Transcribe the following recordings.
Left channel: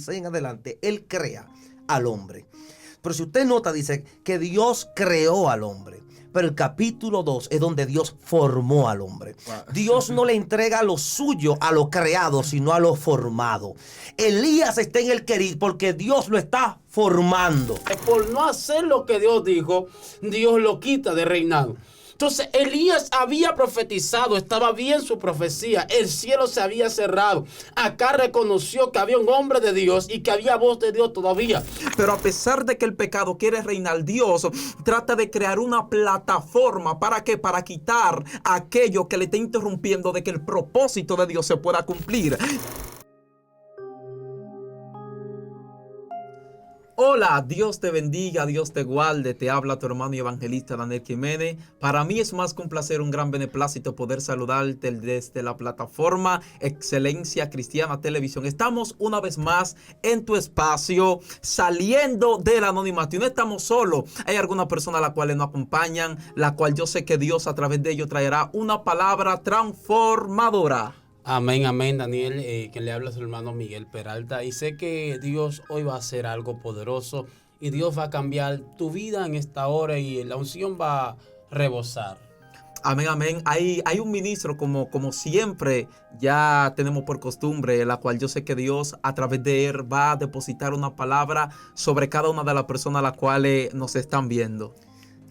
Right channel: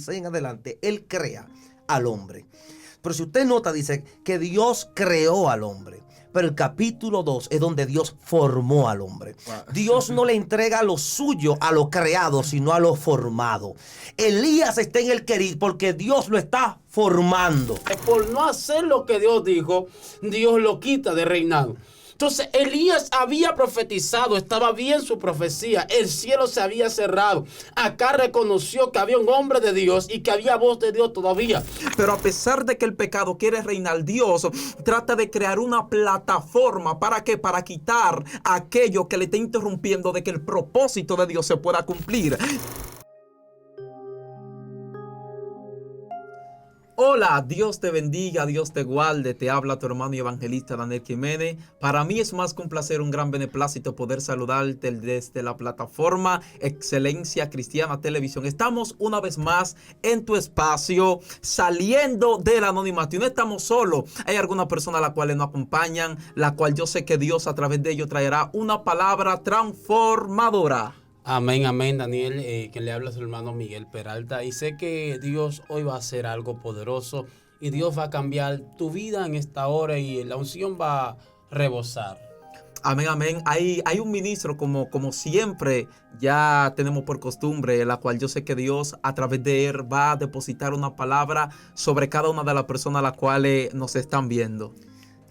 6 en adelante, Él crea al hombre. Pero si usted nota, dice que Dios creó al hombre. Pero el capítulo 2 es donde Dios formó al hombre. Wow. Dios no le entrega lo suyo a lo creado, sino a lo formado. Elías está en el querir porque Dios lo está formando. Por no hacer lo que Dios dijo, Dios lo quita de reinado. Entonces Elías había profetizado, estaba bien su profecía, el cielo se había cerrado. Acá reconoció que había un hombre de Dios y que había voz de Dios todavía. Pero a pesar de que el pecado quiere reinar, Dios trata de crear una plataforma. ¿Para qué? Para quitar aquello que le está interrumpiendo de que el propósito de Dios se pueda cumplir. Hola, Dios te bendiga, Dios te guarde, te habla tu hermano y evangelista Daniel Jiménez. Para mí es más que un placer, un gran beneplácito poder saludarte desde la plataforma Excelencia Cristiana Televisión. Estamos una vez más en tu espacio, saliendo del anonimato. Y no estamos solos, hay algunas personas a las cuales nos acompañan, la cual yo sé que Dios a través de ellos traerá una palabra transformadora. Amén, amén, Daniel, que le habla a su hermano Miguel Peralta. Y sé que Dios hoy va a hacer algo poderoso y Dios va a cambiar tu vida en esta hora y la unción va a rebosar. Amén, amén. Hay un ministro como siempre ya tenemos por costumbre, la cual yo sé que Dios a través de él va a depositar una palabra sobre cada una de las personas a las cuales nos están viendo.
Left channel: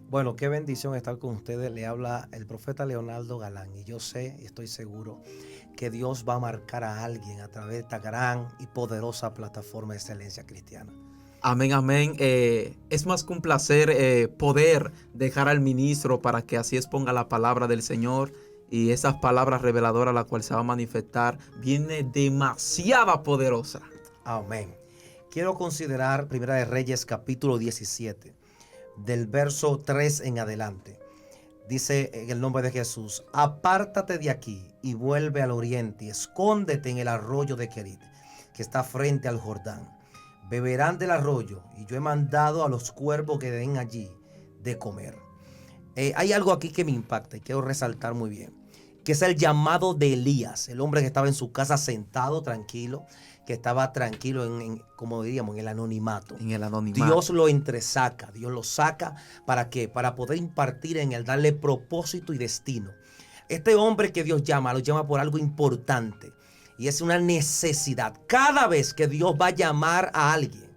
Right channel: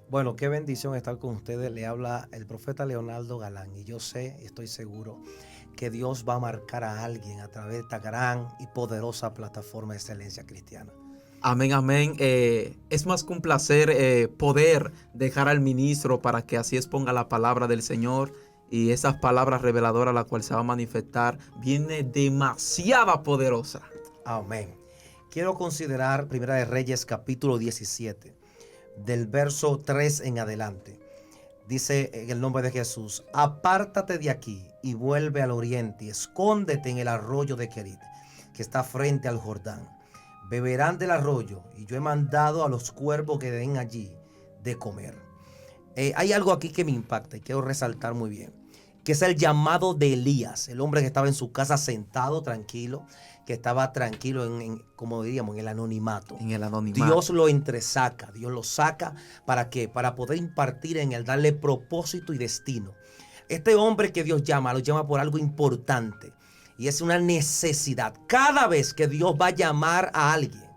Bueno, qué bendición estar con ustedes. Le habla el profeta Leonardo Galán y yo sé, estoy seguro que Dios va a marcar a alguien a través de esta gran y poderosa plataforma de Excelencia Cristiana. Amén, amén. Es más que un placer poder dejar al ministro para que así exponga la palabra del Señor y esas palabras reveladoras la cual se va a manifestar viene demasiado poderosa. Amén. Quiero considerar Primera de Reyes capítulo 17 del verso 3 en adelante. Dice en el nombre de Jesús: apártate de aquí y vuelve al oriente y escóndete en el arroyo de Querit, que está frente al Jordán. Beberán del arroyo y yo he mandado a los cuervos que den allí de comer. Hay algo aquí que me impacta y quiero resaltar muy bien, que es el llamado de Elías, el hombre que estaba en su casa sentado tranquilo, que estaba tranquilo como diríamos, en el anonimato. En el anonimato. Dios lo entresaca, Dios lo saca. ¿Para qué? Para poder impartir en él, darle propósito y destino. Este hombre que Dios llama, lo llama por algo importante y es una necesidad. Cada vez que Dios va a llamar a alguien,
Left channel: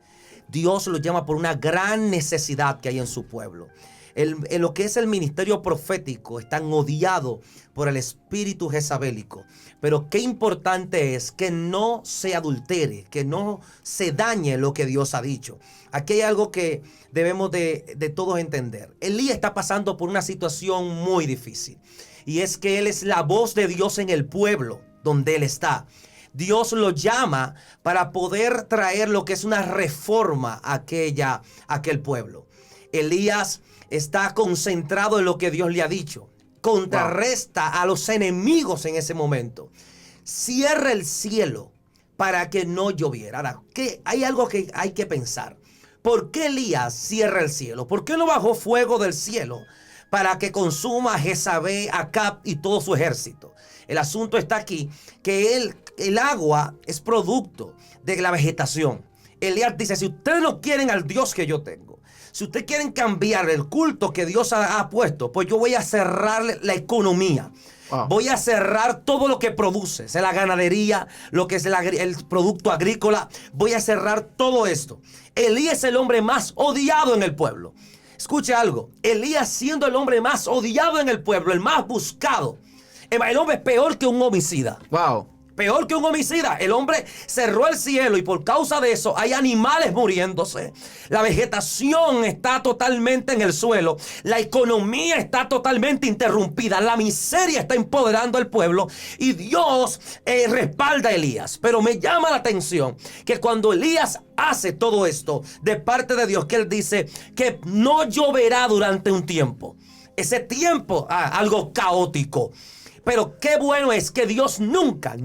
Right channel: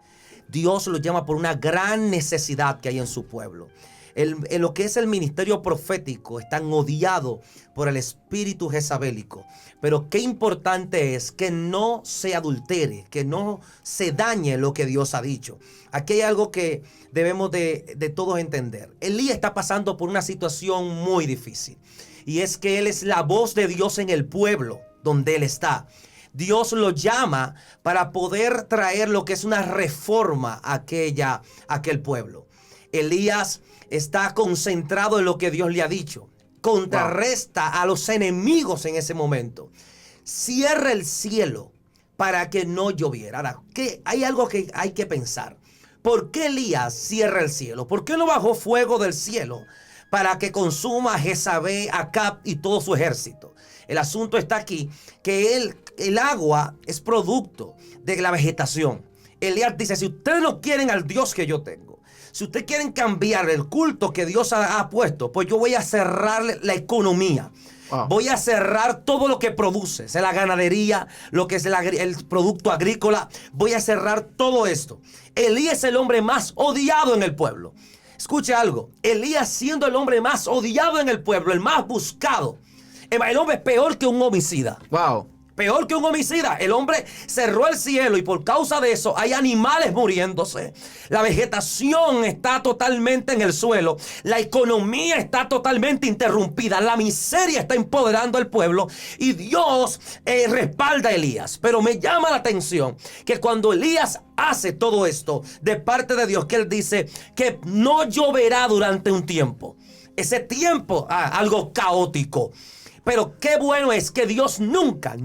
Dios lo llama por una gran necesidad que hay en su pueblo. En lo que es el ministerio profético están odiados por el espíritu jezabélico. Pero qué importante es que no se adultere, que no se dañe lo que Dios ha dicho. Aquí hay algo que debemos de todos entender. Elías está pasando por una situación muy difícil. Y es que él es la voz de Dios en el pueblo donde él está. Dios lo llama para poder traer lo que es una reforma a aquel pueblo. Elías está concentrado en lo que Dios le ha dicho. Contrarresta a los enemigos en ese momento. Cierra el cielo para que no lloviera. Ahora, hay algo que hay que pensar. ¿Por qué Elías cierra el cielo? ¿Por qué no bajó fuego del cielo para que consuma a Jezabel, Acab y todo su ejército? El asunto está aquí, que el agua es producto de la vegetación. Elías dice: si ustedes no quieren al Dios que yo tengo, si ustedes quieren cambiar el culto que Dios ha puesto, pues yo voy a cerrar la economía. Wow. Voy a cerrar todo lo que produce, es la ganadería, lo que es el producto agrícola. Voy a cerrar todo esto. Elías es el hombre más odiado en el pueblo. Escuche algo. Elías, siendo el hombre más odiado en el pueblo, el más buscado, el hombre es peor que un homicida. Wow. Peor que un homicida. El hombre cerró el cielo y por causa de eso hay animales muriéndose. La vegetación está totalmente en el suelo. La economía está totalmente interrumpida. La miseria está empoderando al pueblo y Dios respalda a Elías. Pero me llama la atención que cuando Elías hace todo esto de parte de Dios, que él dice que no lloverá durante un tiempo. Ese tiempo, algo caótico. Pero qué bueno es que Dios nunca,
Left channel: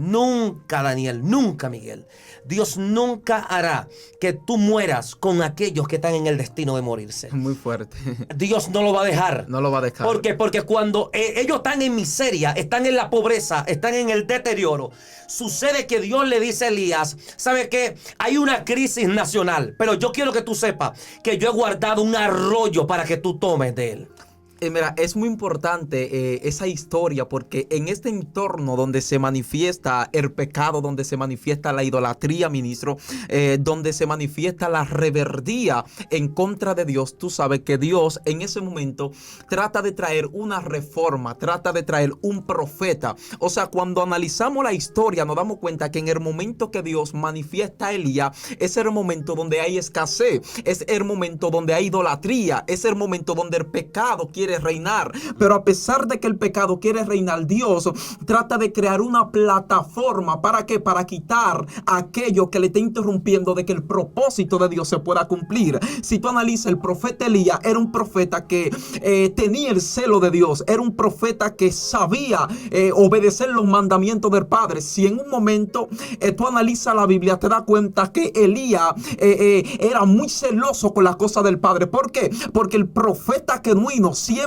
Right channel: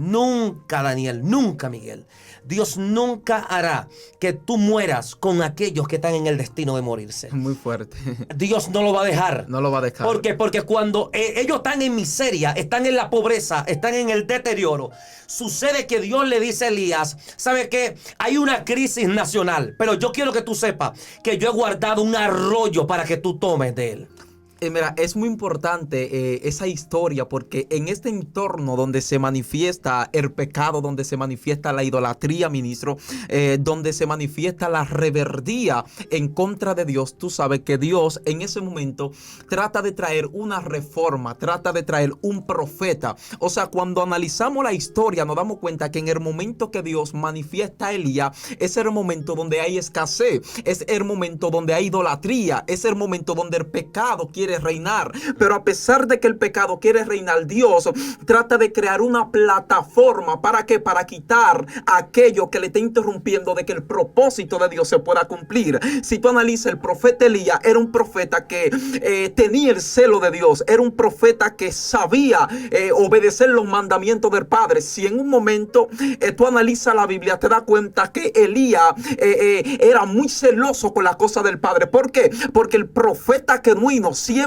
Daniel, nunca, Miguel, Dios nunca hará que tú mueras con aquellos que están en el destino de morirse. Muy fuerte. Dios no lo va a dejar. No lo va a dejar. ¿Por qué? Porque cuando ellos están en miseria, están en la pobreza, están en el deterioro, sucede que Dios le dice a Elías, ¿sabe qué? Hay una crisis nacional, pero yo quiero que tú sepas que yo he guardado un arroyo para que tú tomes de él. Mira, es muy importante esa historia, porque en este entorno donde se manifiesta el pecado, donde se manifiesta la idolatría, ministro, donde se manifiesta la rebeldía en contra de Dios, tú sabes que Dios en ese momento trata de traer una reforma, trata de traer un profeta. O sea, cuando analizamos la historia nos damos cuenta que en el momento que Dios manifiesta a Elías es el momento donde hay escasez, es el momento donde hay idolatría, es el momento donde el pecado quiere reinar. Pero a pesar de que el pecado quiere reinar, Dios trata de crear una plataforma. ¿Para qué? Para quitar aquello que le está interrumpiendo de que el propósito de Dios se pueda cumplir. Si tú analizas, el profeta Elías era un profeta que tenía el celo de Dios, era un profeta que sabía obedecer los mandamientos del Padre. Si en un momento tú analizas la Biblia, te das cuenta que Elías era muy celoso con las cosas del Padre. ¿Por qué? Porque el profeta genuino siempre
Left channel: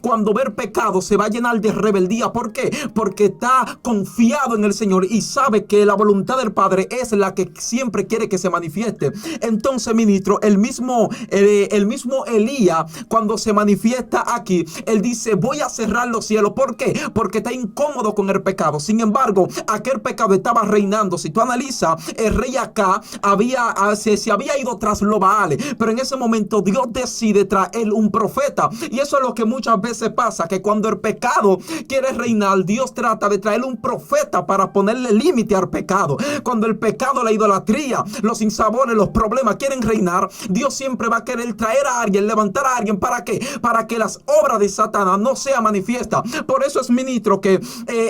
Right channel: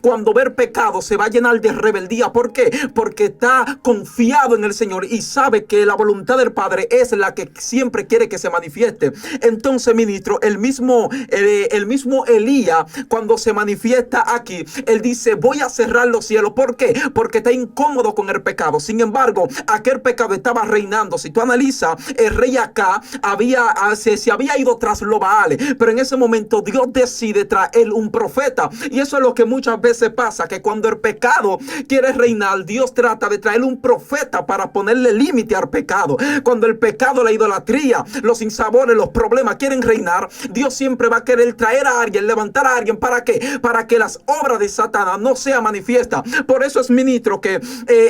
cuando ve pecado se va a llenar de rebeldía. ¿Por qué? Porque está confiado en el Señor y sabe que la voluntad del Padre es la que siempre quiere que se manifieste. Entonces, ministro, el mismo Elías, cuando se manifiesta aquí, él dice: voy a cerrar los cielos. ¿Por qué? Porque está incómodo con el pecado. Sin embargo, aquel pecado estaba reinando. Si tú analizas, el rey acá se había ido tras los Baales, pero en ese momento Dios decide traer un profeta. Y eso es lo que muchas veces pasa, que cuando el pecado quiere reinar, Dios trata de traer un profeta para ponerle límite al pecado. Cuando el pecado, la idolatría, los sinsabores, los problemas quieren reinar, Dios siempre va a querer traer a alguien, levantar a alguien. ¿Para qué? Para que las obras de Satanás no sean manifiestas. Por eso es, ministro, que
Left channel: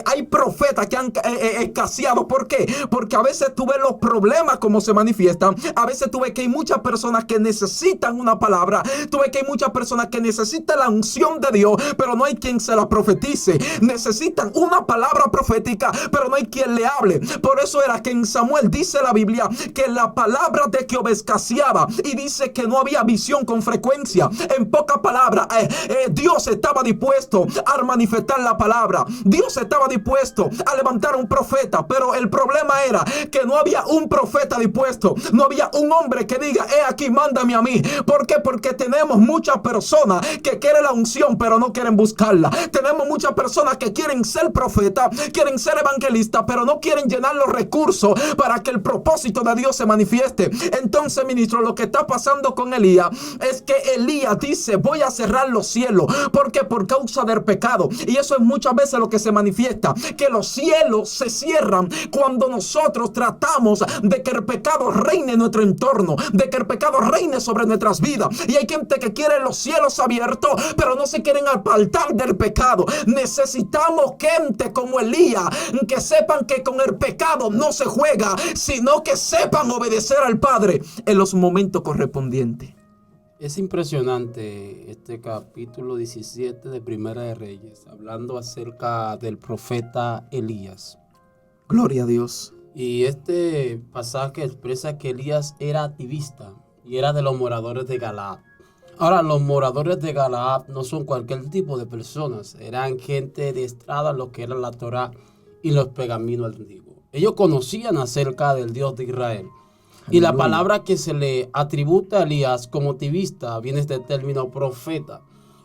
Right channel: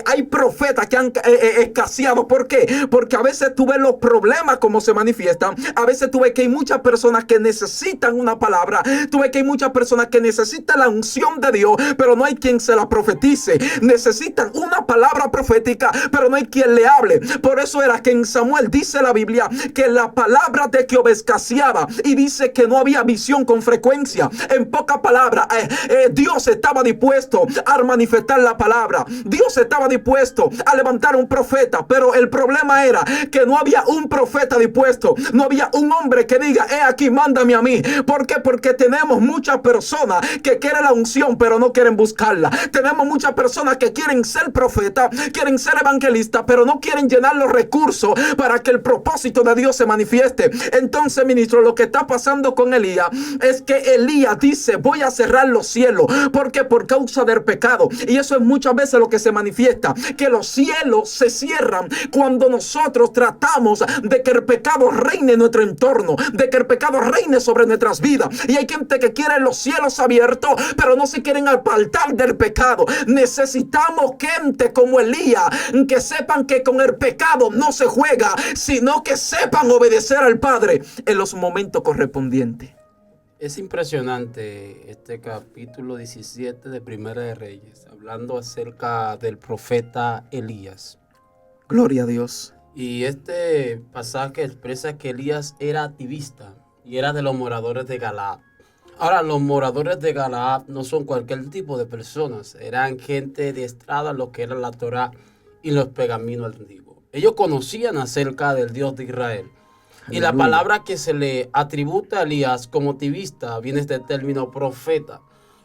hay profetas que han escaseado. ¿Por qué? Porque a veces tú ves los problemas como se manifiestan. A veces tú ves que hay muchas personas que necesitan una palabra. Tú ves que hay muchas personas que necesitan la unción de Dios, pero no hay quien se la profetice. Necesitan una palabra profética, pero no hay quien le hable. Por eso era que en Samuel dice la Biblia que la palabra de Jehová escaseaba, y dice que no había visión con frecuencia. En pocas palabras, Dios estaba dispuesto a manifestar la palabra. Dios estaba dispuesto a levantar un profeta, pero el problema era que no había un profeta dispuesto. No había un hombre que diga: aquí, mándame a mí. ¿Por qué? Porque tenemos muchas personas que quieren la unción, pero no quieren buscarla. Tenemos muchas personas que quieren ser profeta, quieren ser evangelista, pero no quieren llenar los recursos para que el propósito de Dios se manifieste. Entonces, ministro, lo que está pasando con Elías es que Elías dice: voy a cerrar los cielos. ¿Por qué? Por causa del pecado. Y eso es muchas veces lo que se manifiesta, que los cielos se cierran cuando nosotros tratamos de que el pecado reine en nuestro entorno, de que el pecado reine sobre nuestras vidas. Y hay gente que quiere los cielos abiertos, pero no se quieren apartar del pecado. Necesitamos gente como Elías que sepan que con el pecado no se juega, sino que sepan obedecer al Padre en los momentos correspondientes. Es impresionante este capítulo 17 de Primera de Reyes, hablando acerca del profeta Elías. Gloria a Dios. Y este pasaje expresa que Elías era activista y era de los moradores de Galaad. Ahora, los moradores de Galaad no son cualquier tipo de personas. Eran gente diestrada en lo que era la Torá y los pergaminos antiguos. Ellos conocían acerca del Dios de Israel. Y la palabra que se le atributa a Elías como activista viene de este término profeta,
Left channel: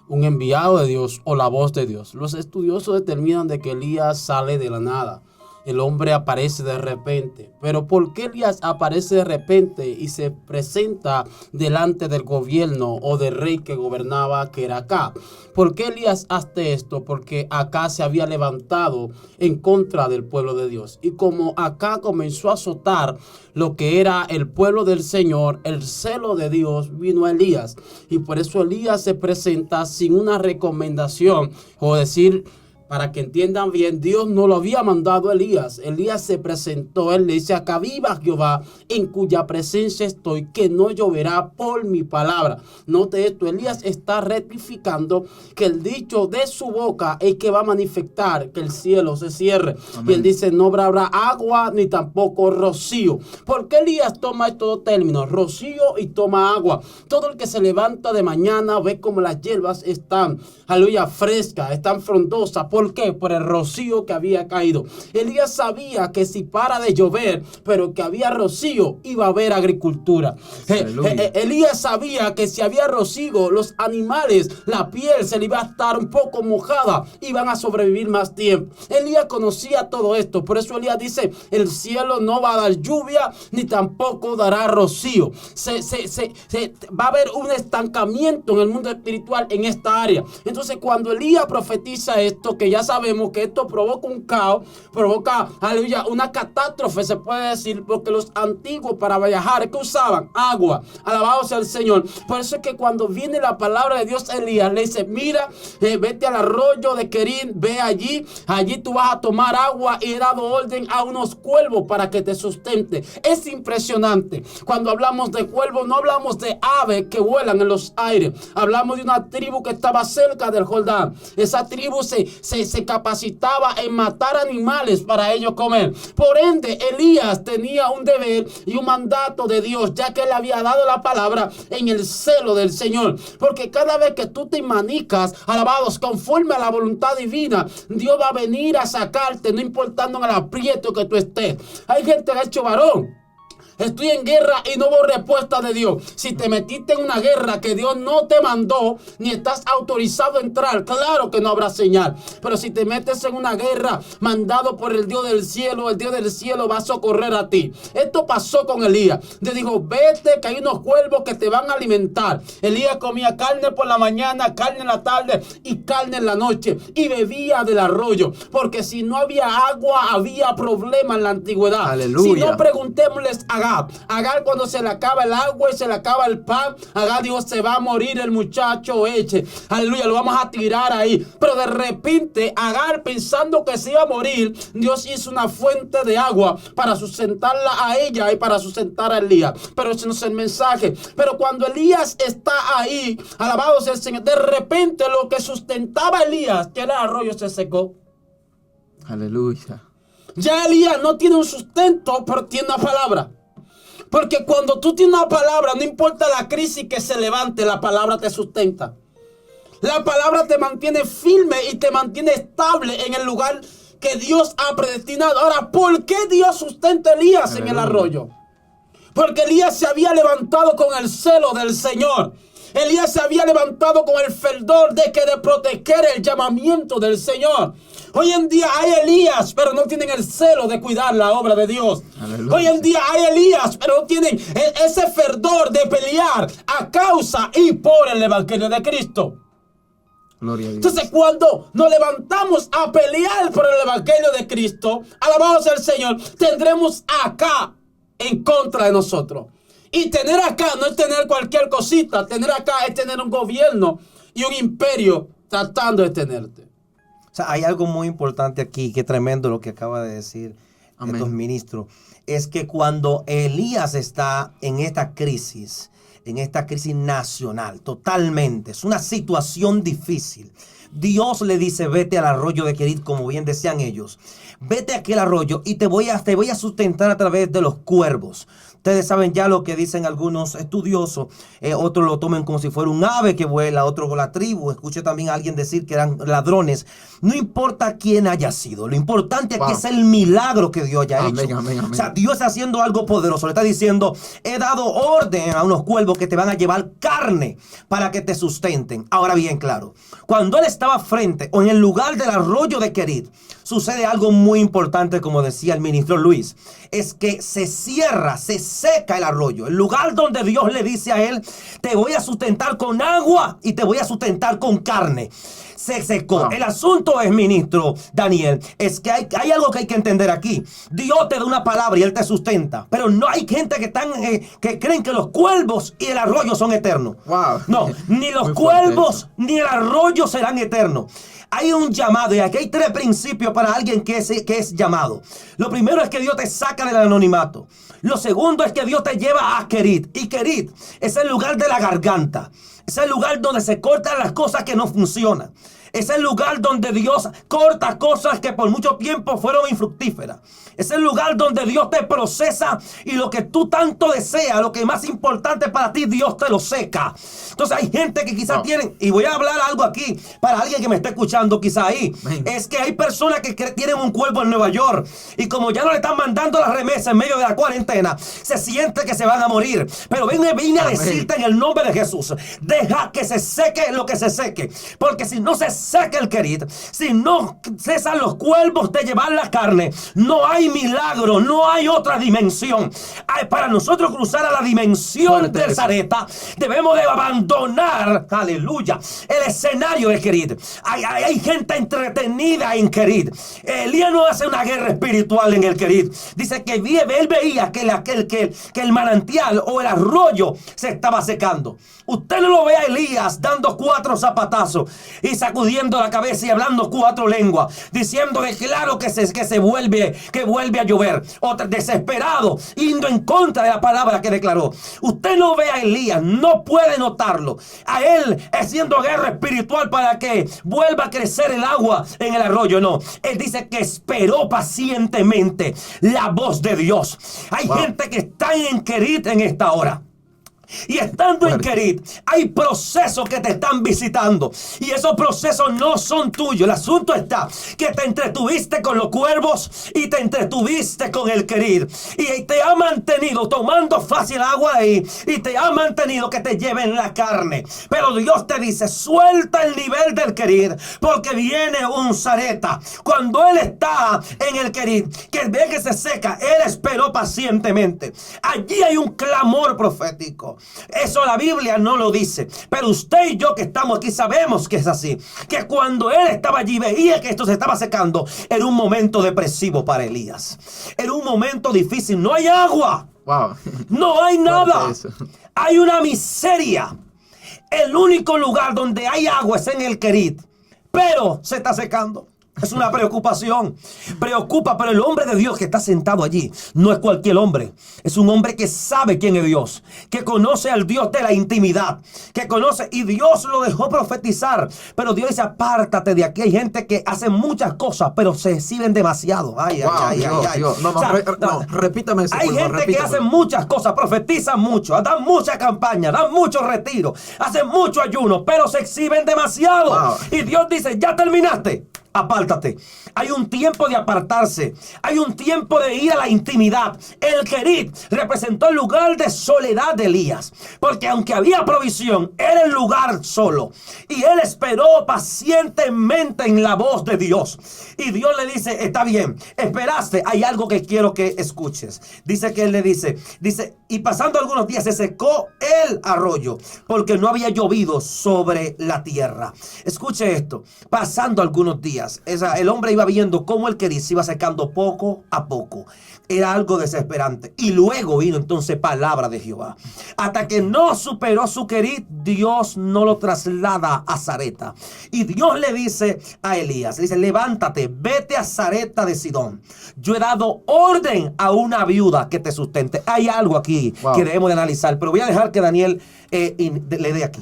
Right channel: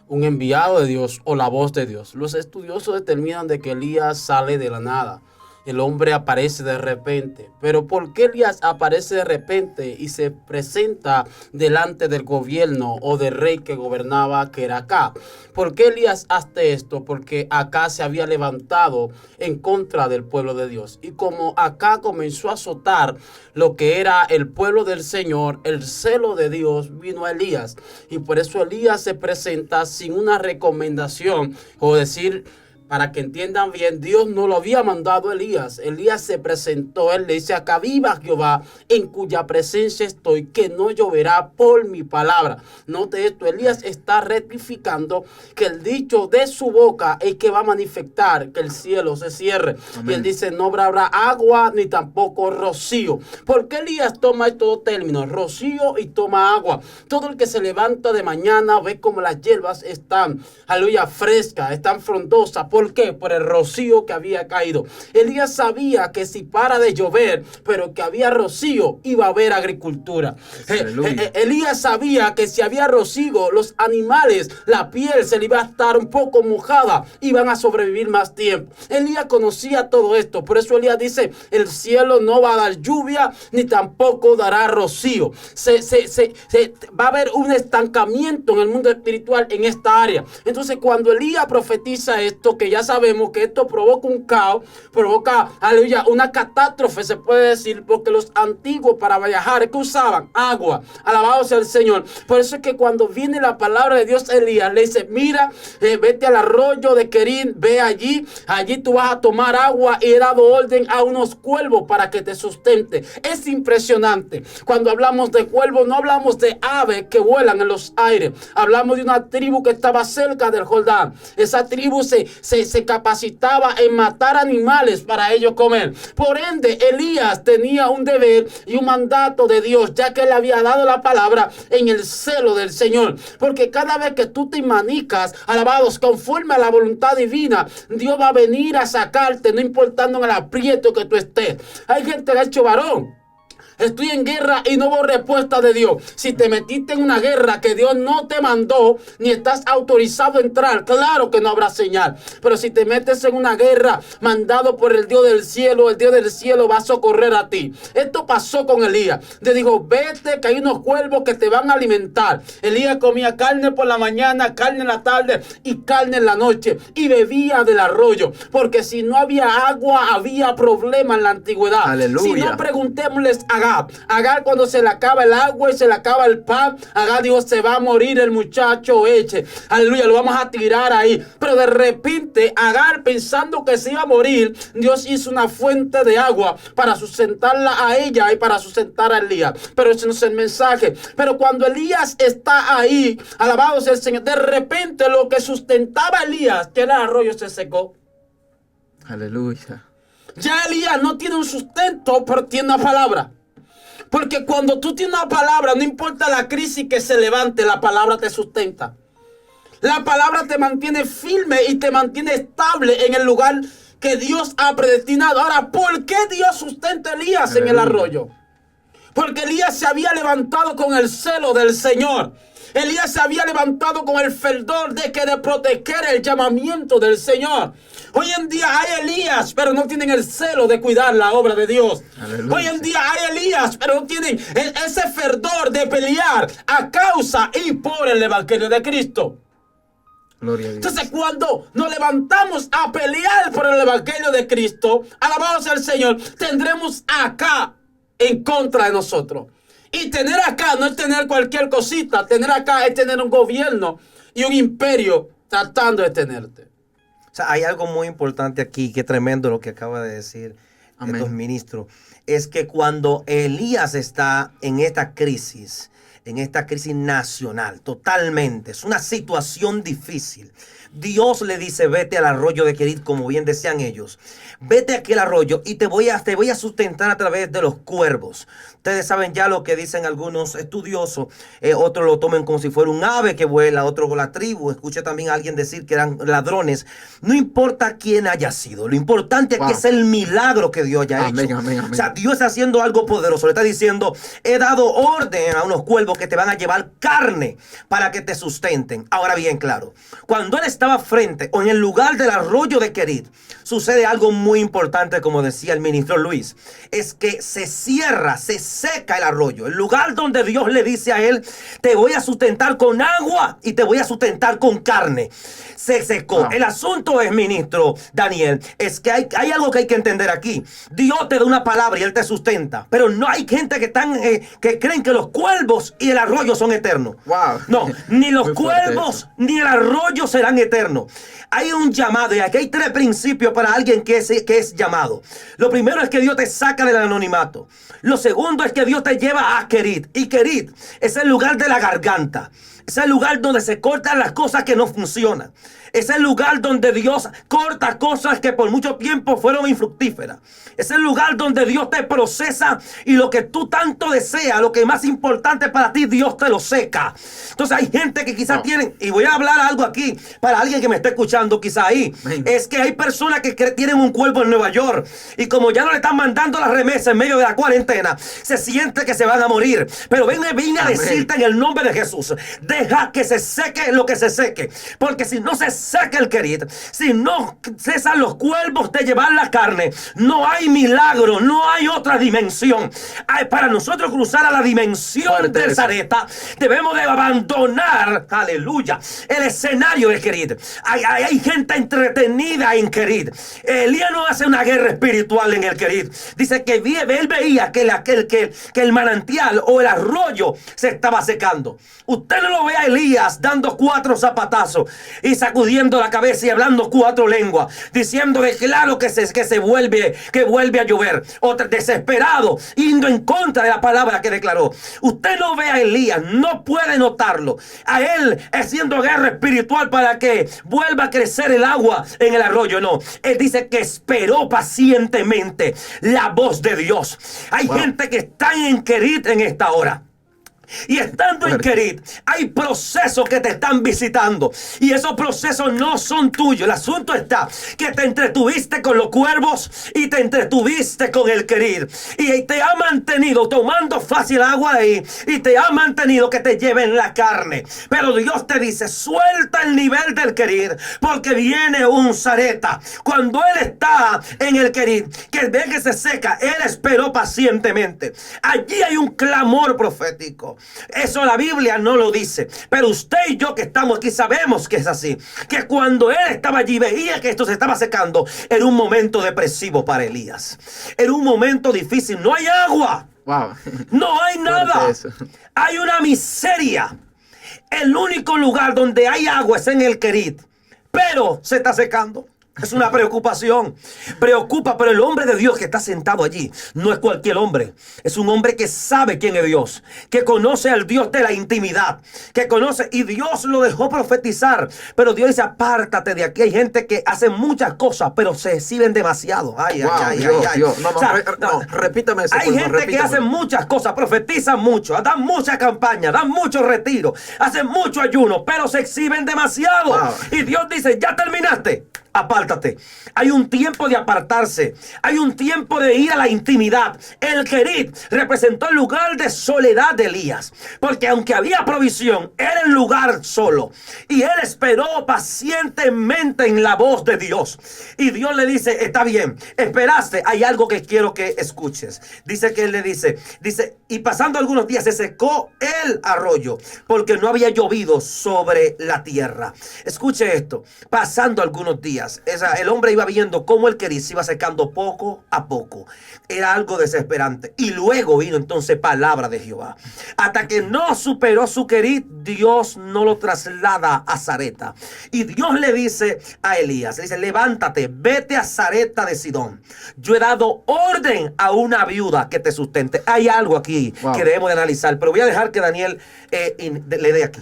un enviado de Dios o la voz de Dios. Los estudiosos determinan de que Elías sale de la nada. El hombre aparece de repente. Pero ¿por qué Elías aparece de repente y se presenta delante del gobierno o del rey que gobernaba, que era Acab? ¿Por qué Elías hace esto? Porque Acab se había levantado en contra del pueblo de Dios. Y como Acab comenzó a azotar lo que era el pueblo del Señor, el celo de Dios vino a Elías. Y por eso Elías se presenta sin una recomendación o decir: para que entiendan bien, Dios no lo había mandado a Elías. Elías se presentó, él le dice: acá viva Jehová, en cuya presencia estoy, que no lloverá por mi palabra. Note esto, Elías está rectificando que el dicho de su boca es que va a manifestar que el cielo se cierre. Amén. Y él dice: no habrá agua ni tampoco rocío. ¿Por qué Elías toma estos dos términos, rocío y toma agua? Todo el que se levanta de mañana ve como las hierbas están, aleluya, frescas, están frondosas. ¿Por qué? Por el rocío que había caído. Elías sabía que si para de llover, pero que había rocío, iba a haber agricultura. Elías sabía que si había rocío, los animales, la piel se le iba a estar un poco mojada, iban a sobrevivir más tiempo. Elías conocía todo esto, por eso Elías dice: el cielo no va a dar lluvia, ni tampoco dará rocío. Va a haber un estancamiento en el mundo espiritual en esta área. Entonces, cuando Elías profetiza esto, que ya sabemos que esto provoca un caos, provoca, aleluya, una catástrofe, se puede decir, porque los antiguos para viajar, ¿qué usaban? Agua. Alabado sea el Señor. Por eso es que cuando viene la palabra de Dios, Elías le dice: mira, vete al arroyo de Querín, ve allí tú vas a tomar agua, y he dado orden a unos cuervos para que te sustente. Es impresionante. Cuando hablamos de cuervos, no hablamos de aves que vuelan en los aires. Hablamos de una tribu que estaba cerca del Jordán. Esa tribu se capacitaba en matar animales para ellos comer. Por ende, Elías tenía un deber y un mandato de Dios, ya que él había dado la palabra en el celo del Señor. Porque cada vez que tú te manicas, alabados, conforme a la voluntad divina, Dios va a venir a sacarte, no importando en el aprieto que tú estés. Hay gente que ha hecho varón: estoy en guerra y no hubo respuesta de Dios. Si te metiste en una guerra que Dios no te mandó, ni estás autorizado a entrar, claro que no habrá señal. Pero si te metes en una guerra mandado por el Dios del cielo va a socorrer a ti. Esto pasó con Elías. Le dijo: vete, que hay unos cuervos que te van a alimentar. Elías comía carne por la mañana, carne en la tarde y carne en la noche, y bebía del arroyo, porque si no había agua, había problema en la antigüedad. Aleluya. Si no, preguntémosles a Agar, cuando se le acaba el agua y se le acaba el pan, Agar dijo: se va a morir el muchacho Eche. Aleluya, lo vamos a tirar ahí. Pero de repente, Agar, pensando que se iba a morir, Dios hizo una fuente de agua para sustentarla a ella y para sustentar a Elías. Pero ese no es el mensaje. Pero cuando Elías está ahí, alabado sea el Señor, de repente lo que sustentaba a Elías, que era el arroyo, se secó. Aleluya. Ya Elías no tiene un sustento, pero tiene una palabra. Porque cuando tú tienes una palabra, no importa la crisis que se levante, la palabra te sustenta. La palabra te mantiene firme y te mantiene estable en el lugar que Dios ha predestinado. Ahora, ¿por qué Dios sustenta a Elías en el arroyo? Porque Elías se había levantado con el celo del Señor. Elías se había levantado con el fervor de proteger el llamamiento del Señor. Hoy en día hay Elías, pero no tienen el celo de cuidar la obra de Dios. Aleluya. Hoy en día hay Elías, pero no tienen ese fervor de pelear a causa y por el evangelio de Cristo. Gloria a Dios. Entonces, cuando nos levantamos a pelear por el evangelio de Cristo, alabado sea el Señor, tendremos acá en contra de nosotros. Y tener acá no es tener cualquier cosita. Tener acá es tener un gobierno y un imperio tratando de tenerte. O sea, hay algo muy importante aquí, que tremendo lo que acaba de decir estos ministros. Es que cuando Elías está en esta crisis nacional, totalmente, es una situación difícil. Dios le dice: vete al arroyo de Querit, como bien decían ellos. Vete a aquel arroyo y te voy a sustentar a través de los cuervos. Ustedes saben ya lo que dicen algunos estudiosos. Otros lo toman como si fuera un ave que vuela, otro con la tribu. Escuché también a alguien decir que eran ladrones. No importa quién haya sido. Lo importante aquí es el milagro que Dios haya hecho. Amén. O sea, Dios está haciendo algo poderoso. Le está diciendo: he dado orden a unos cuervos que te van a llevar carne para que te sustenten. Ahora bien, claro, cuando él estaba frente o en el lugar del arroyo de Querit, sucede algo muy importante, como decía el ministro Luis. Es que se seca el arroyo. El lugar donde Dios le dice a él: te voy a sustentar con agua y te voy a sustentar con carne. Se secó. El asunto es, ministro Daniel, es que hay algo que hay que entender aquí. Dios te da una palabra y él te sustenta. Pero no hay gente que creen que los cuervos y el arroyo son eternos. Wow. No, ni los cuervos ni el arroyo serán eternos. eterno. Hay un llamado y aquí hay 3 principios para alguien que es llamado. Lo primero es que Dios te saca del anonimato. Lo segundo es que Dios te lleva a Kerit. Y Kerit es el lugar de la garganta. Es el lugar donde se cortan las cosas que no funcionan. Es el lugar donde Dios corta cosas que por mucho tiempo fueron infructíferas. Es el lugar donde Dios te procesa y lo que tú tanto deseas, lo que es más importante para ti, Dios te lo seca. Entonces hay gente que quizás tienen, y voy a hablar algo aquí para alguien que me esté escuchando quizá ahí, es que hay personas que tienen un cuerpo en Nueva York y como ya no le están mandando las remesas en medio de la cuarentena, se siente que se van a morir. Pero vine a decirte en el nombre de Jesús, deja que se seque lo que se seque, porque si no se seca el Kerit, si no cesan los cuervos de llevar la carne, no hay milagro, no hay otra dimensión. Para nosotros cruzar a la dimensión del Sareta, debemos de abandonar, aleluya, el escenario de Kerit. Hay gente entretenida en Kerit. Elías no hace una guerra espiritual en el Kerit. Dice que él veía que el manantial o el arroyo se estaba secando. Usted no lo ve a Elías dando 4 zapatazos y sacudiendo la cabeza y hablando 4 lenguas, diciendo de claro que vuelve a llover, o desesperado, yendo en contra de la palabra que declaró. Usted no ve a Elías, no puede notarlo. A él haciendo guerra espiritual para que vuelva a crecer el agua en el arroyo, no. Él dice que esperó pacientemente la voz de Dios. Hay gente que está en Kerit en esta hora. Y estando en Kerit, hay procesos que te están visitando. Y esos procesos no son tuyos. El asunto está que te entretuviste con los cuervos y te entretuviste con el Kerit. Y te ha mantenido tomando fácil agua ahí. Y te ha mantenido que te lleven la carne. Pero Dios te dice, suelta el nivel del Kerit, porque viene un Sareta. Cuando él está en el Kerit, que ve que se seca, él esperó pacientemente. Allí hay un clamor profético. Eso la Biblia no lo dice, pero usted y yo que estamos aquí sabemos que es así, que cuando él estaba allí veía que esto se estaba secando. Era un momento depresivo para Elías, era un momento difícil. No hay agua, no hay nada, hay una miseria. El único lugar donde hay agua es en el Kerit, pero se está secando. Es una preocupación. Preocupa, pero el hombre de Dios que está sentado allí no es cualquier hombre. Es un hombre que sabe quién es Dios, que conoce al Dios de la intimidad, que conoce, y Dios lo dejó profetizar. Pero Dios dice, apártate de aquí. Hay gente que hace muchas cosas, pero se exhiben demasiado. Dios. No, repítame eso. Hay gente que hace muchas cosas, profetizan mucho, dan mucha campaña, dan mucho retiro, hacen mucho ayuno, pero se exhiben demasiado. Y Dios dice, ya terminaste. Apártate. Hay un tiempo de apartarse. Hay un tiempo de ir a la intimidad. El Kerit representó el lugar de soledad de Elías, porque aunque había provisión, era el lugar solo. Y él esperó pacientemente en la voz de Dios. Y Dios le dice, está bien, esperaste, hay algo que quiero que escuches. Dice que él le dice, y pasando algunos días se secó el arroyo, porque no había llovido sobre la tierra. Escuche esto, pasando algunos días, el hombre iba viendo cómo el Kerit se iba secando poco a poco. Era algo desesperante. Y luego vino entonces palabra de Jehová. Hasta que no superó su Kerit, Dios no lo traslada a Sareta. Y Dios le dice a Elías, le dice, levántate, vete a Sareta de Sidón. Yo he dado orden a una viuda que te sustente. Hay algo aquí que debemos de analizar, pero voy a dejar que Daniel le dé aquí.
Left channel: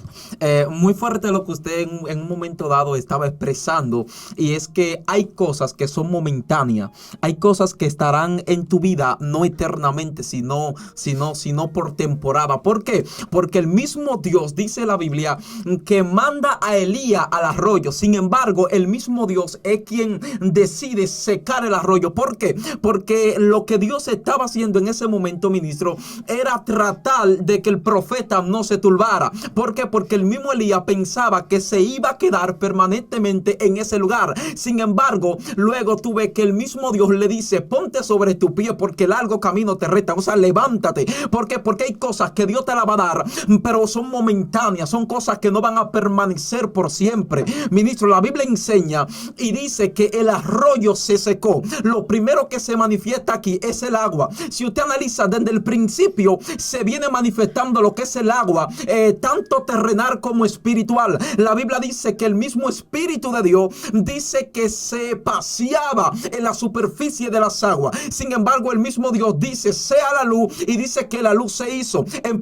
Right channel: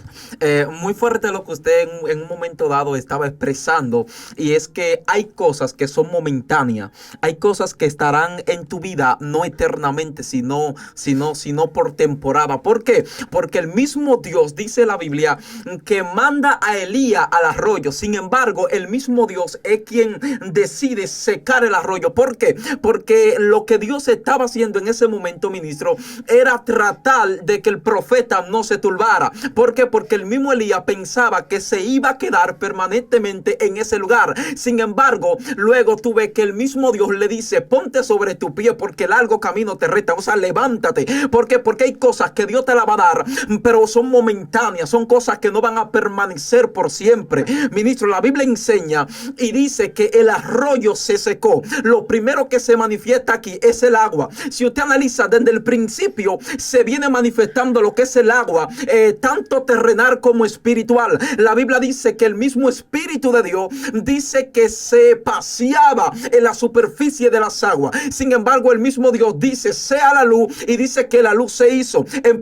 Muy fuerte lo que usted en un momento dado estaba expresando, y es que hay cosas que son momentáneas, hay cosas que estarán en tu vida no eternamente, sino por temporada. ¿Por qué? Porque el mismo Dios, dice la Biblia, que manda a Elías al arroyo. Sin embargo, el mismo Dios es quien decide secar el arroyo. ¿Por qué? Porque lo que Dios estaba haciendo en ese momento, ministro, era tratar de que el profeta no se turbara. ¿Por qué? Porque el mismo Elías pensaba que se iba a quedar permanentemente en ese lugar. Sin embargo, luego tú ves que el mismo Dios le dice, ponte sobre tu pie porque el largo camino te resta. O sea, levántate. ¿Por qué? Porque hay cosas que Dios te la va a dar, pero son momentáneas, son cosas que no van a permanecer por siempre. Ministro, la Biblia enseña y dice que el arroyo se secó. Lo primero que se manifiesta aquí es el agua. Si usted analiza desde el principio, se viene manifestando lo que es el agua, tanto terrenal como espiritual. La Biblia dice que el mismo Espíritu de Dios dice que se paseaba en la superficie de las aguas. Sin embargo, el mismo Dios dice, sea la luz, y dice que la luz se hizo. En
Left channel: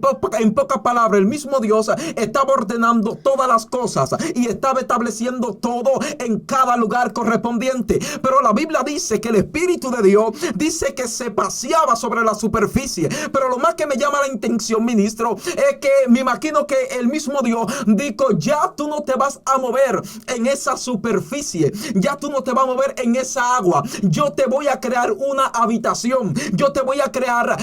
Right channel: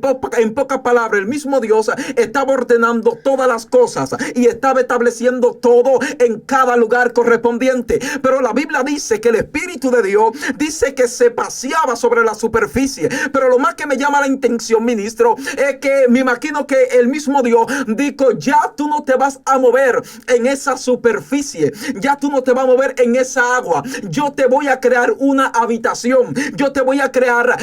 pocas palabras, el mismo Dios estaba ordenando todas las cosas y estaba estableciendo todo en cada lugar correspondiente. Pero la Biblia dice que el Espíritu de Dios dice que se paseaba sobre la superficie. Pero lo más que me llama la atención, ministro, es que me imagino que el mismo Dios dijo, ya tú no te vas a mover en esa superficie, ya tú no te vas a mover en esa agua. Yo te voy a crear una habitación, yo te voy a crear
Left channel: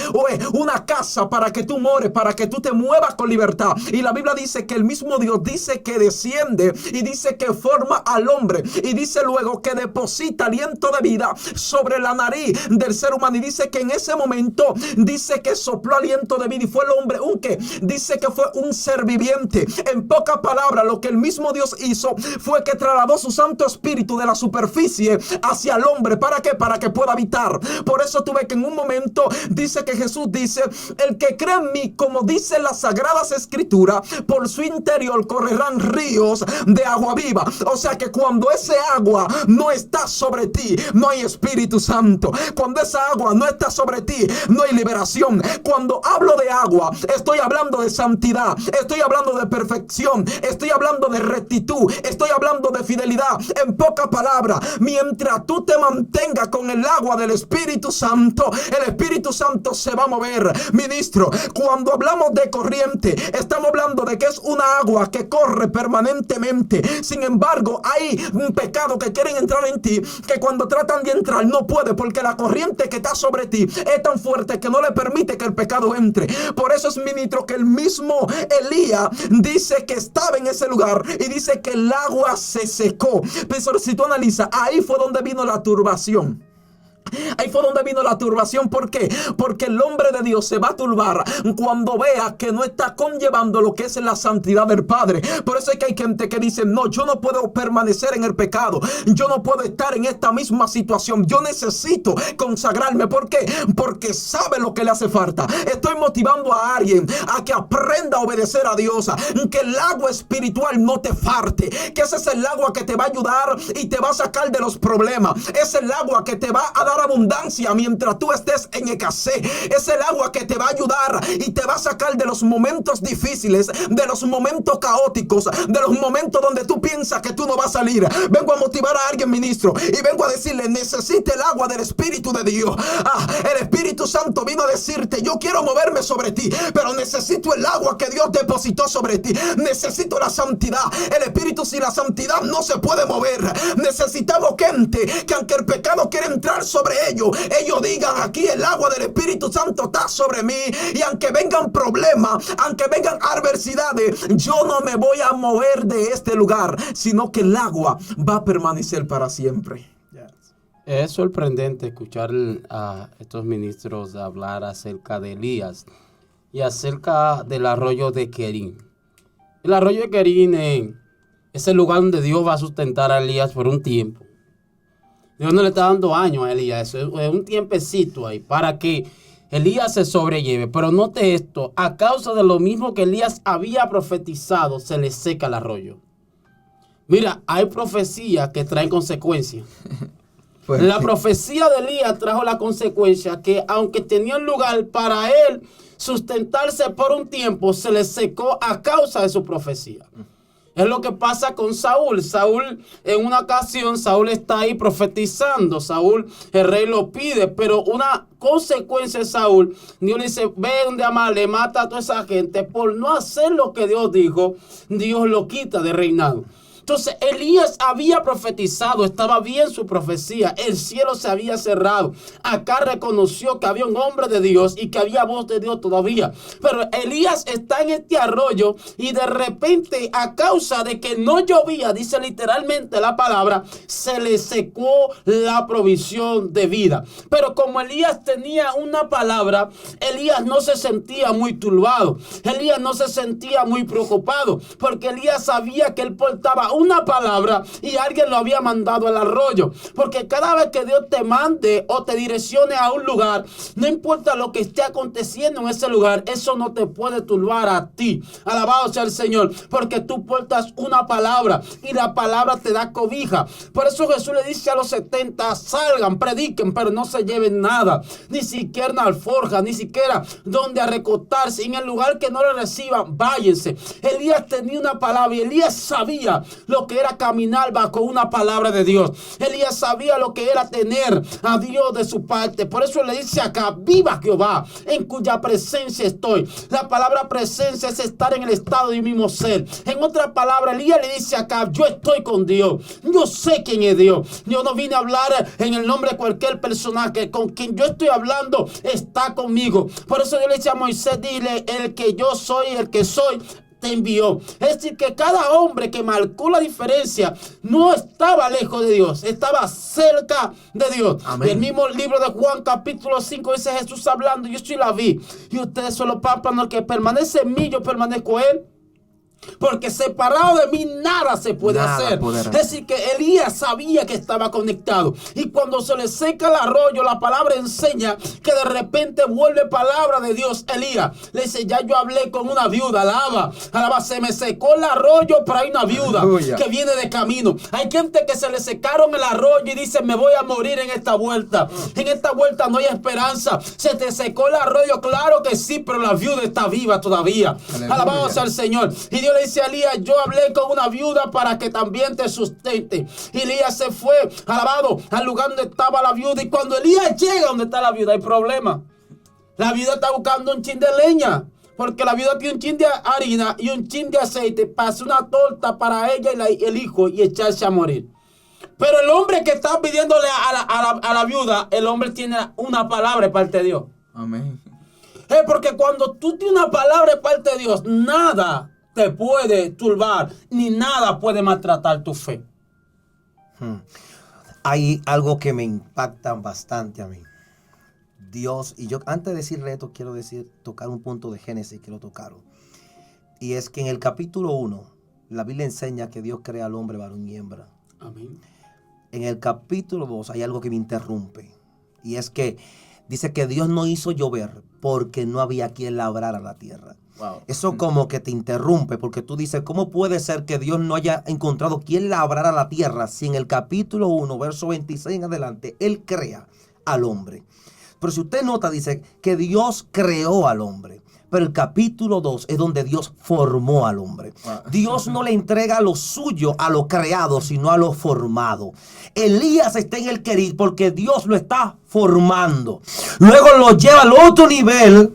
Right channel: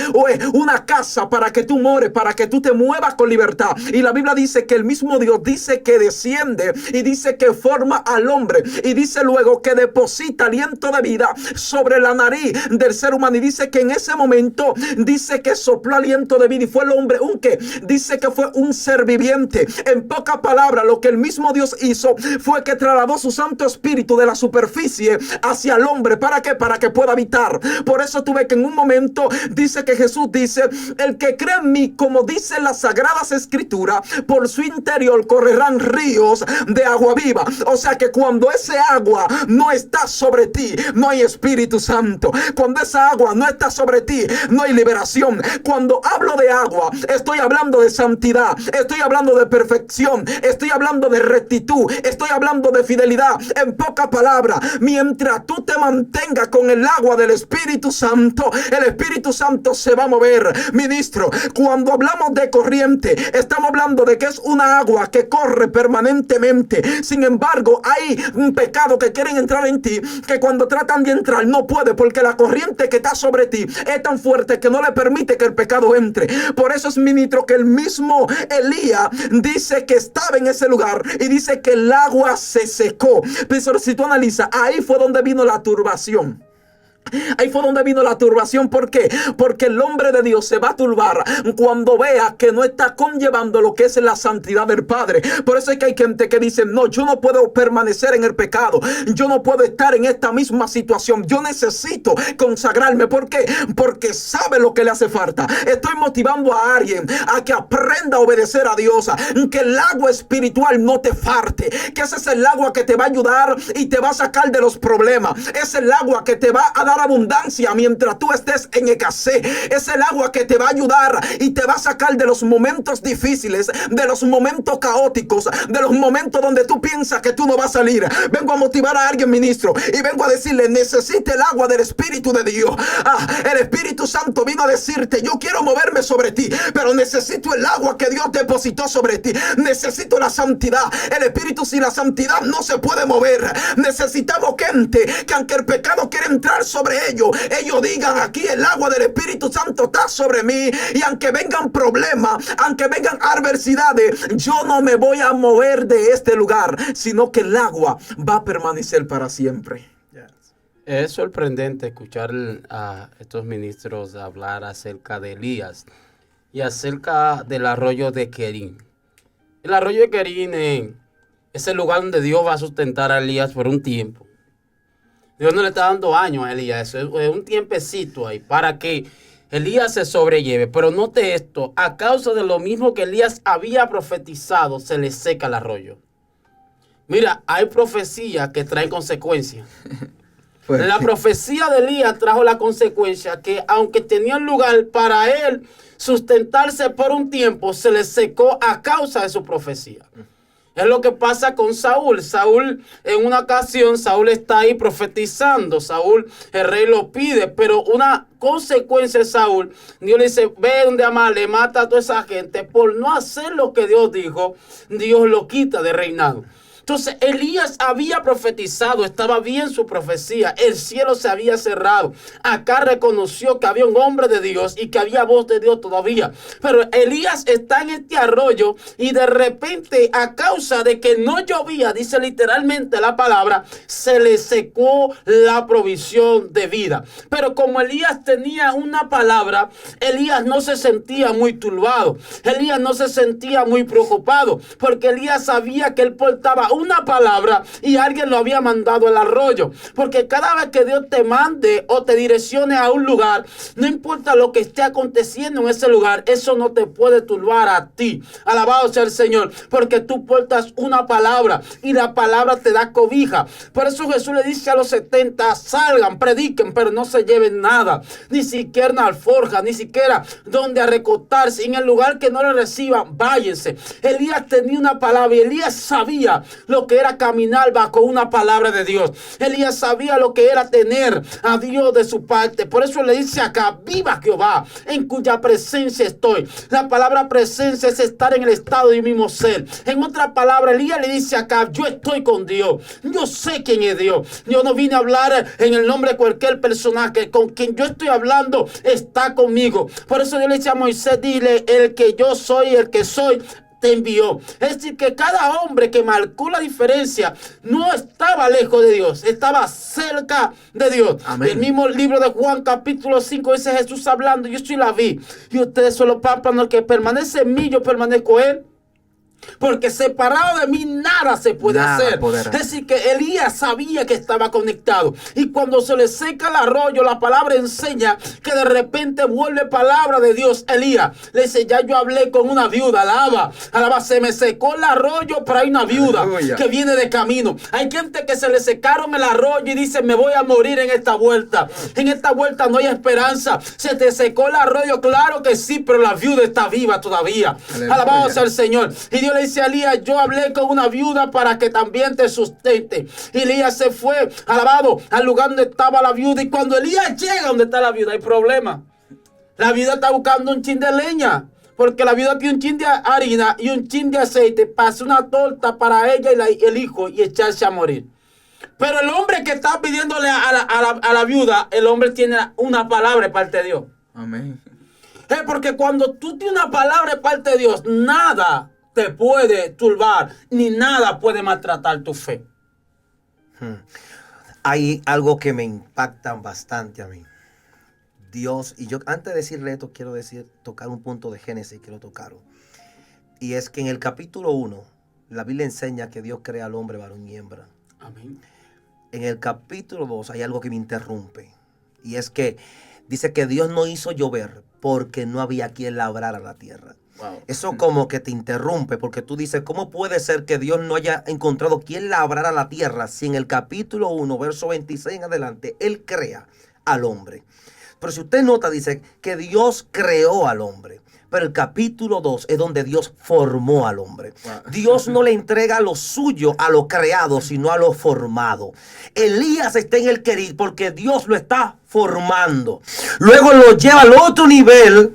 una casa para que tú mores, para que tú te muevas con libertad. Y la Biblia dice que el mismo Dios dice que desciende y dice que forma al hombre y dice luego que deposita aliento de vida sobre la nariz del ser humano, y dice que en ese momento dice que sopló aliento de vida y fue el hombre un que dice que fue un ser viviente. En pocas palabras, lo que el mismo Dios hizo fue que trasladó su Santo Espíritu de la superficie hacia el hombre. ¿Para qué? Para que pueda habitar. Por eso tú ves que en un momento dice que Jesús dice, el que cree en mí, como dice las Sagradas Escrituras, por su interior correrán ríos de agua viva. O sea que cuando ese agua no está sobre ti, no hay Espíritu Santo. Cuando esa agua no está sobre ti, no hay liberación. Cuando hablo de agua, estoy hablando de santidad, estoy hablando de perfección, estoy hablando de rectitud, estoy hablando de fidelidad. En pocas palabras, mientras tú te mantengas con el agua del Espíritu Santo, el Espíritu Santo se va a mover. Ministro, cuando hablamos de corriente, estamos hablando de que es una agua que corre permanentemente. Sin embargo, hay un pecado que quieren entrar en ti, que cuando tratan de entrar no puede, porque la corriente que está sobre ti es tan fuerte que no le permite que el pecado entre. Por eso es, ministro, que el mismo Elías dice que estaba en ese lugar y dice que el agua se secó. Pero si tú analizas, ahí fue donde vino la turbación. Ahí fue donde vino la turbación. ¿Por qué? Porque el hombre de Dios se va a turbar cuando vea que no está conllevando lo que es la santidad del Padre. Por eso es que hay gente que dice, no, yo no puedo permanecer en el pecado, yo no puedo estar en esta misma situación, yo necesito consagrarme. ¿Por qué? Porque sabe lo que le hace falta. Estoy motivando a alguien a que aprenda a obedecer a Dios, que el agua espiritual no te falte, que ese es el agua que te va a ayudar y te va a sacar de los problemas. Es el agua que te va a dar abundancia mientras tú estés en escasez. Es el agua que te va a ayudar y te va a sacar de los momentos difíciles, de los momentos caóticos, de los momentos donde tú piensas que tú no vas a salir. Vengo a motivar a alguien, ministro, y vengo a decirle, necesita el agua del Espíritu de Dios. El Espíritu Santo vino a decirte, yo quiero moverme sobre ti, pero necesito el agua que Dios depositó sobre ti. Necesito la santidad. El Espíritu sin la santidad no se puede mover. Necesitamos gente que, aunque el pecado quiere entrar sobre ellos digan, aquí el agua del Espíritu Santo está sobre mí, y aunque vengan problemas, aunque vengan adversidades, yo no me voy a mover de este lugar, sino que el agua va a permanecer para siempre. Es sorprendente escuchar a estos ministros hablar acerca de Elías y acerca del arroyo de Querín. El arroyo de Querín es el lugar donde Dios va a sustentar a Elías por un tiempo. Dios no le está dando años a Elías, es un tiempecito ahí para que Elías se sobrelleve. Pero note esto, a causa de lo mismo que Elías había profetizado, se le seca el arroyo. Mira, hay profecías que traen consecuencias. La profecía de Elías trajo la consecuencia que, aunque tenía un lugar para él sustentarse por un tiempo, se le secó a causa de su profecía. Es lo que pasa con Saúl. Saúl, en una ocasión, Saúl está ahí profetizando. Saúl, el rey lo pide, pero una consecuencia de Saúl, Dios le dice, ve donde Amán, le mata a toda esa gente. Por no hacer lo que Dios dijo, Dios lo quita de reinado. Entonces Elías había profetizado, estaba bien su profecía, el cielo se había cerrado. Acá reconoció que había un hombre de Dios y que había voz de Dios todavía. Pero Elías está en este arroyo y de repente, a causa de que no llovía, dice literalmente la palabra, se le secó la provisión de vida. Pero como Elías tenía una palabra, Elías no se sentía muy turbado. Elías no se sentía muy preocupado, porque Elías sabía que él portaba una palabra y alguien lo había mandado al arroyo. Porque cada vez que Dios te mande o te direccione a un lugar, no importa lo que esté aconteciendo en ese lugar, eso no te puede turbar a ti. Alabado sea el Señor, porque tú portas una palabra y la palabra te da cobija. Por eso Jesús le dice a los 70, salgan, prediquen, pero no se lleven nada, ni siquiera una alforja, ni siquiera donde a recostarse. En el lugar que no le reciban, váyanse. Elías tenía una palabra y Elías sabía lo que era caminar bajo una palabra de Dios. Elías sabía lo que era tener a Dios de su parte. Por eso le dice acá, viva Jehová, en cuya presencia estoy. La palabra presencia es estar en el estado de mi mismo ser. En otra palabra, Elías le dice acá, yo estoy con Dios. Yo sé quién es Dios. Yo no vine a hablar en el nombre de cualquier personaje. Con quien yo estoy hablando está conmigo. Por eso yo le decía a Moisés, dile, el que yo soy, el que soy, te envió. Es decir, que cada hombre que marcó la diferencia no estaba lejos de Dios, estaba cerca de Dios. Amén. El mismo libro de Juan capítulo 5 dice Jesús hablando, yo soy la vid y ustedes son los pámpanos, el que permanece en mí, yo permanezco en él. Porque separado de mí nada se puede hacer. Es decir, que Elías sabía que estaba conectado. Y cuando se le seca el arroyo, la palabra enseña que de repente vuelve palabra de Dios. Elías le dice, ya yo hablé con una viuda. Alaba, se me secó el arroyo, pero hay una viuda que viene de camino. Hay gente que se le secaron el arroyo y dice, me voy a morir en esta vuelta. En esta vuelta no hay esperanza. Se te secó el arroyo, claro que sí, pero la viuda está viva todavía. Alabado sea el Señor. Y Dios le dice a Elías, yo hablé con una viuda para que también te sustente. Y Elías se fue, alabado, al lugar donde estaba la viuda. Y cuando Elías llega donde está la viuda, hay problema. La viuda está buscando un chin de leña, porque la viuda tiene un chin de harina y un chin de aceite para hacer una torta para ella y el hijo y echarse a morir. Pero el hombre que está pidiéndole a la viuda, el hombre tiene una palabra de parte de Dios. Amén. Porque cuando tú tienes una palabra de parte de Dios, nada te puede turbar, ni nada puede maltratar tu fe. Hay algo que me impacta bastante a mí. Dios, y yo antes de decirle esto, quiero tocar un punto de Génesis que lo tocaron. Y es que en el capítulo 1, la Biblia enseña que Dios crea al hombre varón y hembra. Amén. En el capítulo 2 hay algo que me interrumpe. Y es que dice que Dios no hizo llover porque no había quien labrara la tierra. Wow. Eso como que te interrumpe, porque tú dices, ¿cómo puede ser que Dios no haya encontrado quien labrara la tierra si en el capítulo 1, verso 26 en adelante, Él crea al hombre? Pero si usted nota, dice que Dios creó al hombre. Pero el capítulo 2 es donde Dios formó al hombre. Wow. Dios no le entrega lo suyo a lo creado, sino a lo formado. Elías está en el querir porque Dios lo está formando. Luego lo lleva al otro nivel,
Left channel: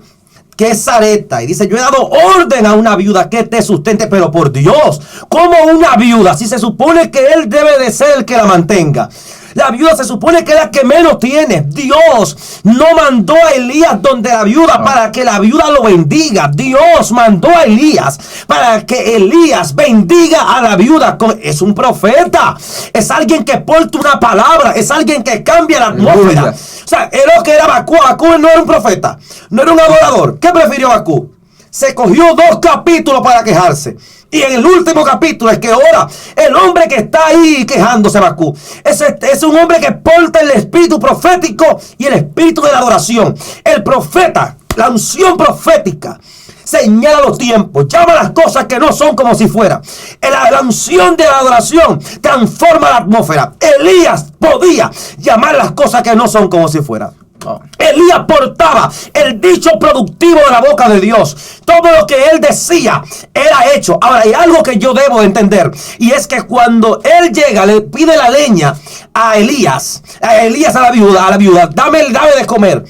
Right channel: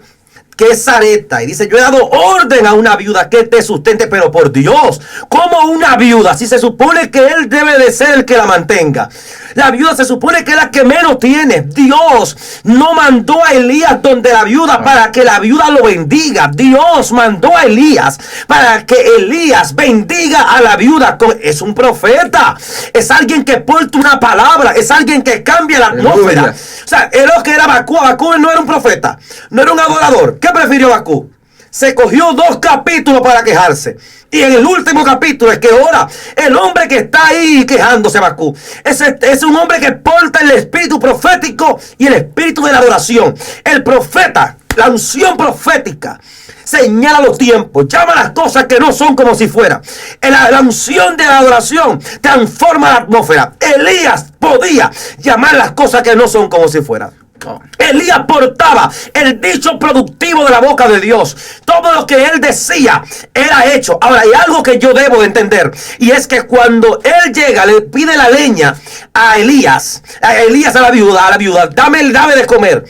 que es Sarepta, y dice, yo he dado orden a una viuda que te sustente, pero por Dios, ¿cómo una viuda? Si se supone que él debe de ser el que la mantenga. La viuda se supone que es la que menos tiene. Dios no mandó a Elías donde la viuda para que la viuda lo bendiga. Dios mandó a Elías para que Elías bendiga a la viuda. Es un profeta. Es alguien que porta una palabra. Es alguien que cambia la atmósfera. O sea, es lo que era Bakú. Bakú no era un profeta. No era un adorador. ¿Qué prefirió Bakú? Se cogió 2 capítulos para quejarse. Y en el último capítulo es que ahora el hombre que está ahí quejándose, Bakú, es un hombre que porta el espíritu profético y el espíritu de la adoración. El profeta, la unción profética, señala los tiempos, llama las cosas que no son como si fuera. La unción de la adoración transforma la atmósfera. Elías podía llamar las cosas que no son como si fuera. Oh. Elías portaba el dicho productivo de la boca de Dios. Todo lo que él decía era hecho. Ahora, hay algo que yo debo de entender, y es que cuando él llega, le pide la leña a Elías a la viuda, dame de comer,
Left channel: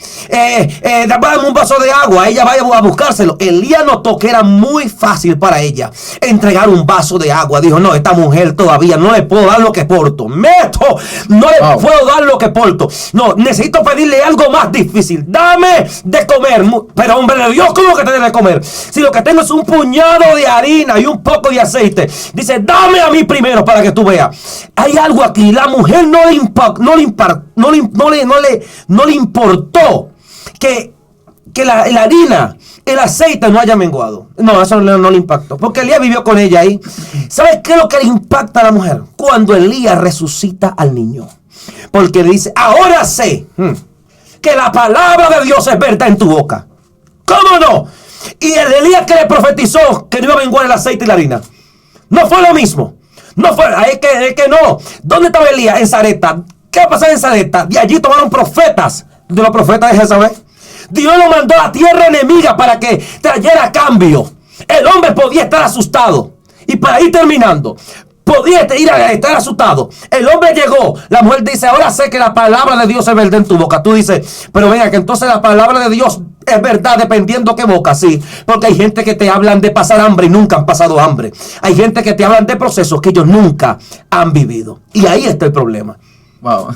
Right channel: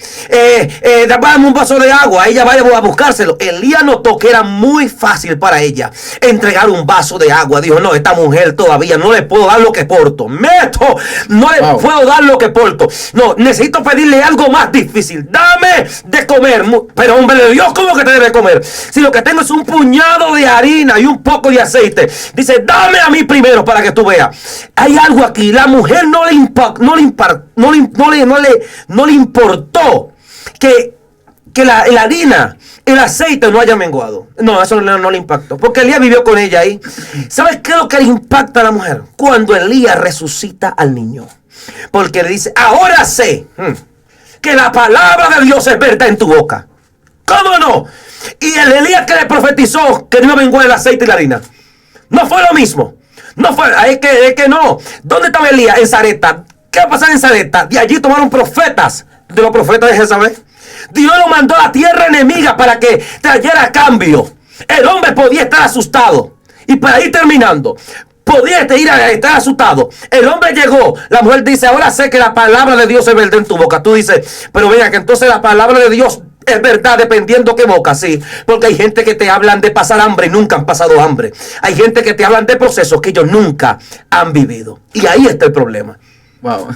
dame un vaso de agua, ella vaya a buscárselo. Elías notó que era muy fácil para ella entregar un vaso de agua. Dijo, no, esta mujer todavía no le puedo dar lo que porto. No le puedo dar lo que porto. No, necesito pedirle algo más difícil. Dame de comer. Pero hombre de Dios, ¿cómo que te debe comer? Si lo que tengo es un puñado de harina y un poco de aceite. Dice, dame a mí primero para que tú veas. Hay algo aquí. La mujer no le importó que la harina, el aceite no haya menguado. No, eso no le impactó, porque Elías vivió con ella ahí. ¿Sabes qué es lo que le impacta a la mujer? Cuando Elías resucita al niño. Porque le dice, ahora sé que la palabra de Dios es verdad en tu boca. ¿Cómo no? Y el Elías que le profetizó que no iba a menguar el aceite y la harina, no fue lo mismo. No fue, es que no. ¿Dónde estaba Elías? En Sarepta. ¿Qué va a pasar en Sarepta? De allí tomaron profetas, de los profetas de Jezabel. Dios lo mandó a la tierra enemiga para que trayera cambio. El hombre podía estar asustado. Y para ir terminando, podía estar asustado. El hombre llegó. La mujer dice, ahora sé que la palabra de Dios es verdad en tu boca. Tú dices, pero venga, que entonces la palabra de Dios es verdad dependiendo qué boca. Sí, porque hay gente que te hablan de pasar hambre y nunca han pasado hambre. Hay gente que te hablan de procesos que ellos nunca han vivido. Y ahí está el problema. Wow,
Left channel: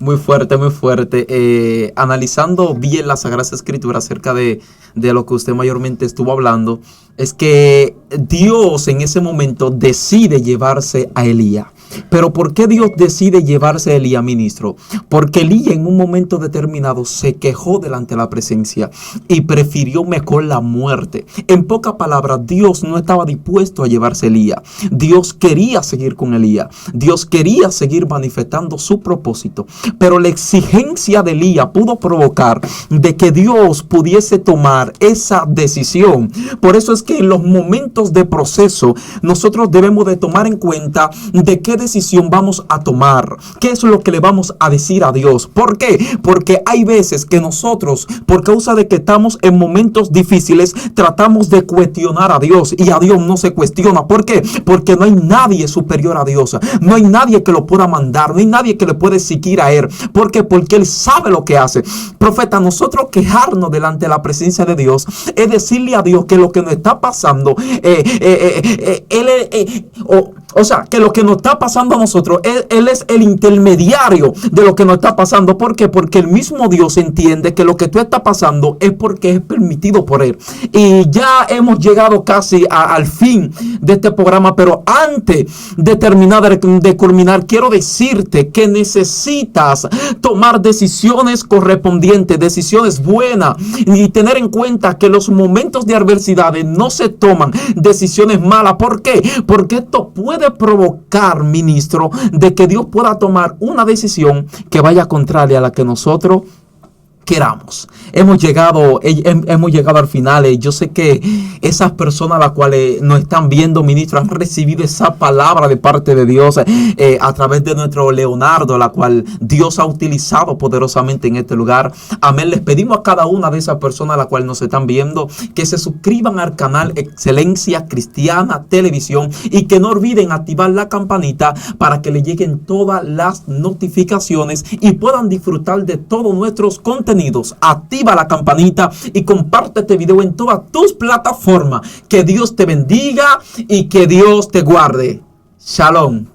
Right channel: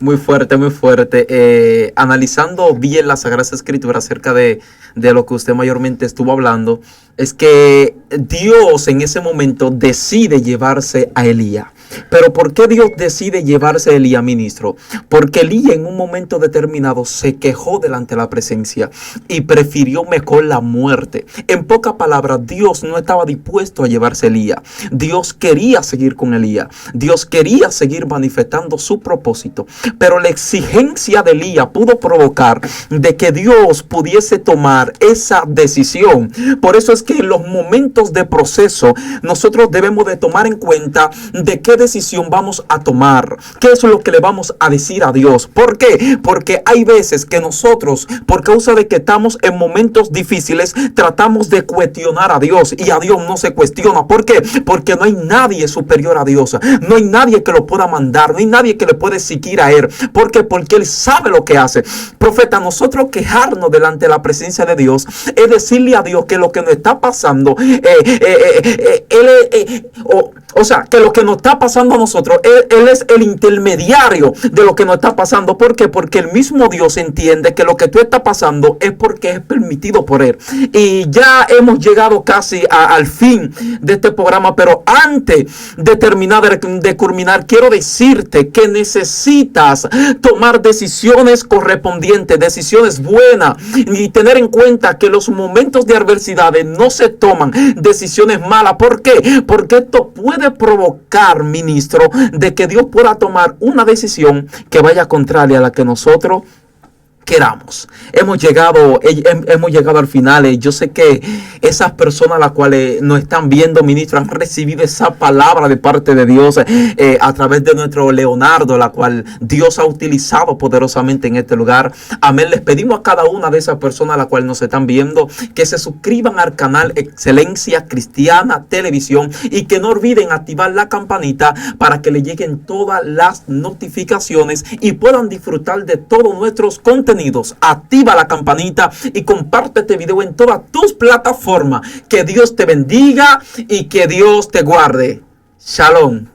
muy fuerte, muy fuerte. Analizando bien las Sagradas Escrituras acerca de lo que usted mayormente estuvo hablando, es que Dios en ese momento decide llevarse a Elías. Pero ¿por qué Dios decide llevarse a Elías, ministro? Porque Elías en un momento determinado se quejó delante de la presencia y prefirió mejor la muerte. En pocas palabras, Dios no estaba dispuesto a llevarse a Elías. Dios quería seguir con Elías. Dios quería seguir manifestando su propósito. Pero la exigencia de Elías pudo provocar de que Dios pudiese tomar esa decisión. Por eso es que en los momentos de proceso nosotros debemos de tomar en cuenta de qué decisión vamos a tomar, qué es lo que le vamos a decir a Dios. ¿Por qué? Porque hay veces que nosotros, por causa de que estamos en momentos difíciles, tratamos de cuestionar a Dios, y a Dios no se cuestiona. ¿Por qué? Porque no hay nadie superior a Dios, no hay nadie que lo pueda mandar, no hay nadie que le pueda exigir a Él. ¿Por qué? Porque Él sabe lo que hace. Profeta, nosotros quejarnos delante de la presencia de Dios es decirle a Dios que lo que nos está pasando, o sea, que lo que nos está pasando a nosotros, Él es el intermediario de lo que nos está pasando. ¿Por qué? Porque el mismo Dios entiende que lo que tú estás pasando es porque es permitido por Él. Y ya hemos llegado casi al fin de este programa, pero antes de terminar, de culminar, quiero decirte que necesitas tomar decisiones correspondientes, decisiones buenas, y tener en cuenta que los momentos de adversidades no se toman decisiones malas. ¿Por qué? Porque esto puede provocar, ministro, de que Dios pueda tomar una decisión que vaya contraria a la que nosotros queramos. Hemos llegado al final. Yo sé que esas personas a las cuales nos están viendo, ministro, han recibido esa palabra de parte de Dios a través de nuestro Leonardo, la cual Dios ha utilizado poderosamente en este lugar. Amén. Les pedimos a cada una de esas personas a las cuales nos están viendo que se suscriban al canal Excelencia Cristiana Televisión y que no olviden activar la campanita para que le lleguen todas las notificaciones y puedan disfrutar de todos nuestros contenidos. Activa la campanita y comparte este video en todas tus plataformas. Que Dios te bendiga y que Dios te guarde. Shalom.